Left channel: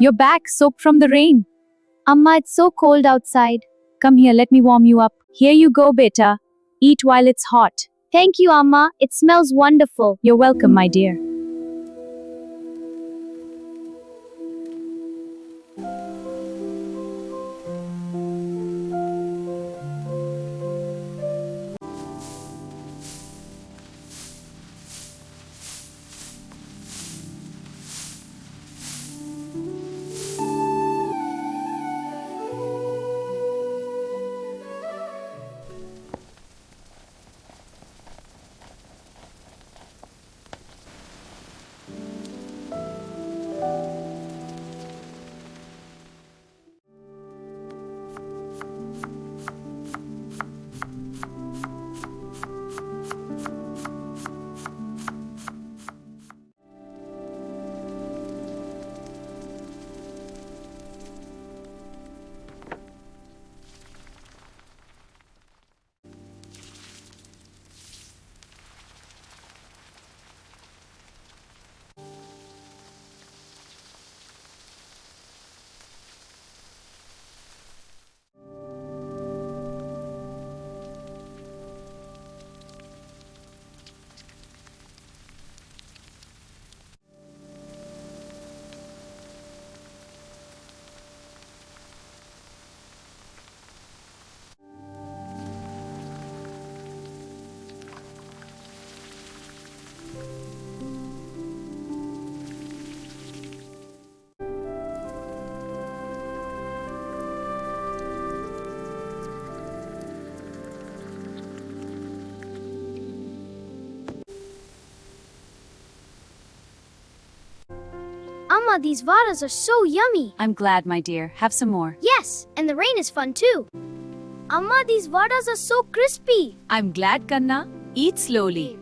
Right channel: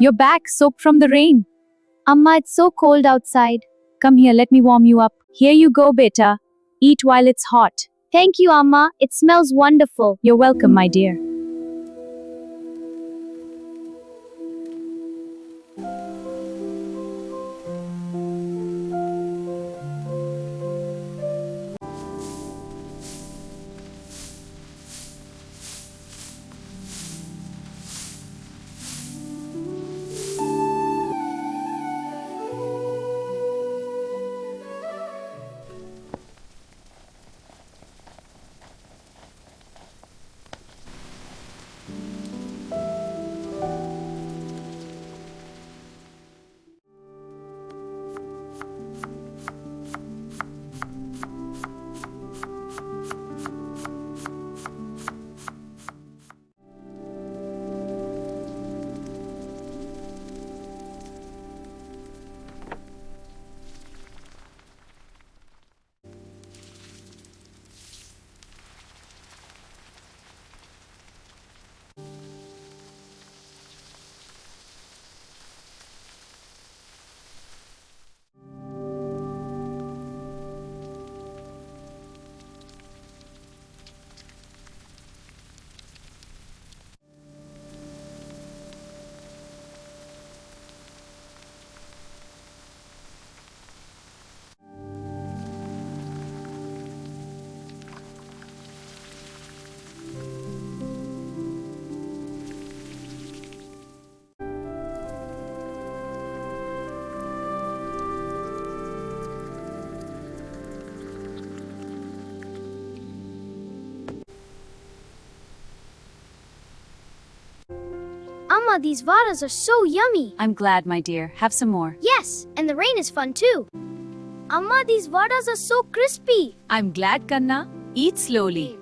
You're back, soaked from the rain. Amma, it's so cold outside. Come here, let me warm you up. Here you go, beta. Eat while it's hot. Thank you, Amma. It smells wonderful. You're welcome, my dear. Amma, these Vadas are so yummy. I'm glad, my dear. Have some more. Yes, and the rain is fun too. Amma, these Vadas are so crispy. I'm glad, Kanna. Eat slowly.